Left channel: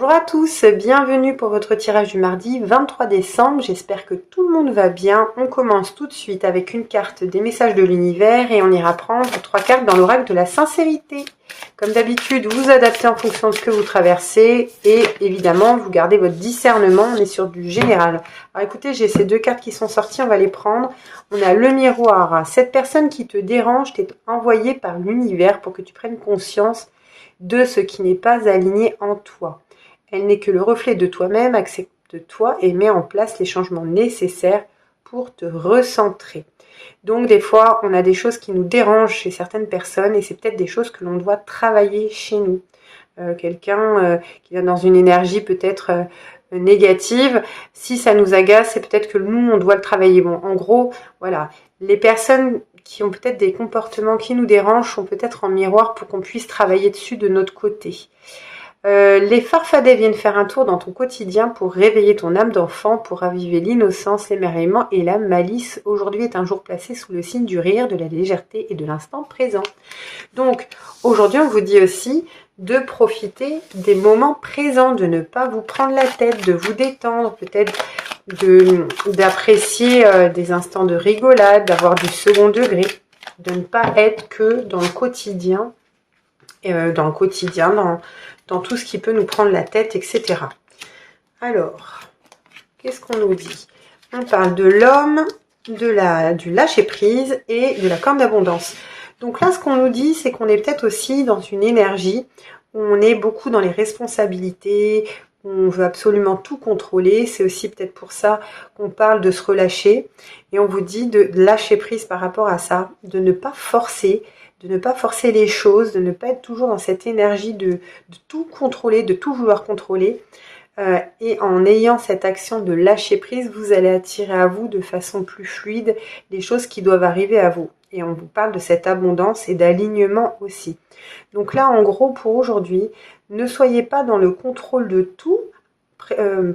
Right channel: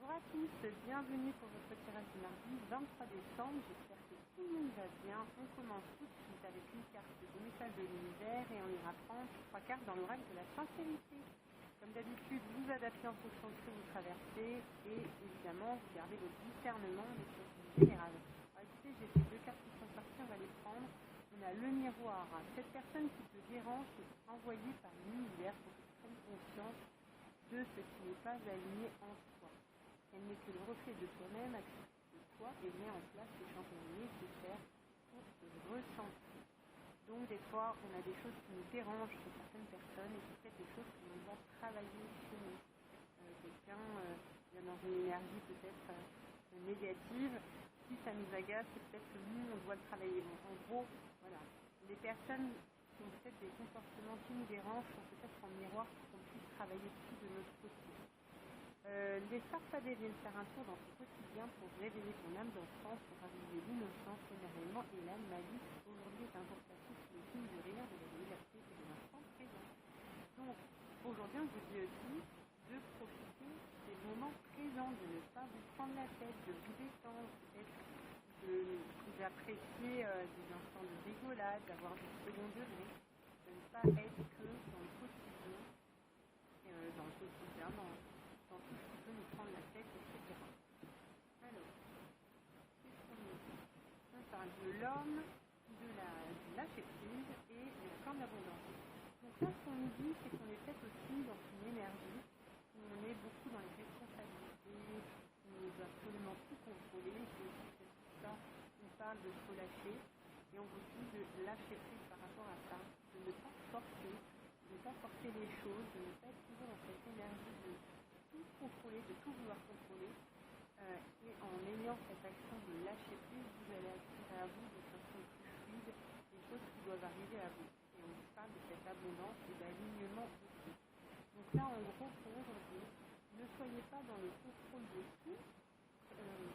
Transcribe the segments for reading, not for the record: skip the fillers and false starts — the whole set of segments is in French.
Bonjour à tous, bienvenue pour votre tirage du mardi 23 décembre. J'espère que tout le monde va bien. On commence tout de suite avec une carte des messages de l'univers et on ira prendre 3 cartes dans l'oracle de la sincérité. Comme d'habitude, vous adaptez en fonction de ce que vous traversez et évidemment, vous gardez votre discernement. On est sur du général. Alors écoutez, j'ai ces 2 cartes qui sont sorties, on va les prendre. On a le miroir. Cette personne qui te dérange t'est envoyée par l'univers pour que tu prennes conscience de ce qui n'est pas aligné en toi. Elle n'est que le reflet de toi-même, accepte-toi et mets en place les changements nécessaires pour te recentrer. Donc des fois, on a des choses qui nous dérangent chez certaines personnes et c'est peut-être des choses que l'on doit travailler chez nous. Quelqu'un qui vient dans une énergie peut-être négative, si ça nous agace, c'est peut-être que nous, on doit le travailler. Bon, en gros, voilà, les personnes qui ont peut-être des comportements qui nous dérangent sont peut-être en miroir pour qu'on puisse travailler dessus de notre côté. Les farfadets viennent faire un tour dans ton quotidien pour réveiller ton âme d'enfant, pour raviver l'innocence, l'émerveillement et la malice. Aujourd'hui est un jour placé sous le signe du rire, de la légèreté et de l'instant présent. Donc, aujourd'hui, on vous dit aussi de profiter des moments présents, de ne pas vous prendre la tête, de vous détendre, peut-être d'apprécier des instants de rigolade, d'avoir du second degré, de ne pas être que dans le quotidien, dans tout ce qui peut nous prendre la tête, etc. Alors, qu'est-ce qu'on nous dit? On parle de l'homme, du lâcher-prise et de la corne d'abondance. Donc là, ce qu'on nous dit, c'est qu'on est peut-être aussi dans une énergie où on est beaucoup dans les responsabilités, où on veut absolument tout contrôler. C'est aussi peut-être pour ça qu'on parle de se relâcher. Et on vous dit de lâcher prise par rapport à ça, de ne pas forcer les choses, de ne pas être toujours dans cette énergie de tout contrôler, de tout vouloir contrôler. Et en ayant cette action de lâcher prise, vous allez attirer à vous de façon plus fluide les choses qui doivent arriver à vous. Et on vous parle de cette abondance et d'alignement aussi. Donc là, en gros, pour aujourd'hui, ne soyez pas dans le contrôle de tout.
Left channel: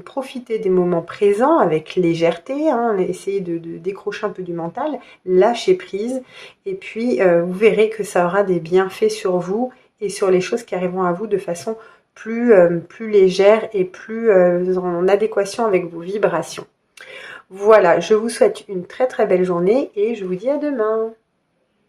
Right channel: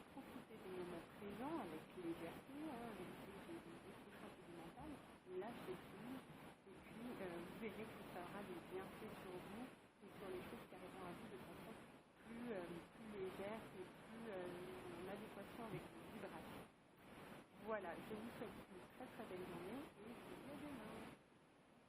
Profitez des moments présents avec légèreté, essayez de décrocher un peu du mental, lâchez prise, et puis vous verrez que ça aura des bienfaits sur vous et sur les choses qui arriveront à vous de façon plus légère et plus en adéquation avec vos vibrations. Voilà, je vous souhaite une très très belle journée et je vous dis à demain.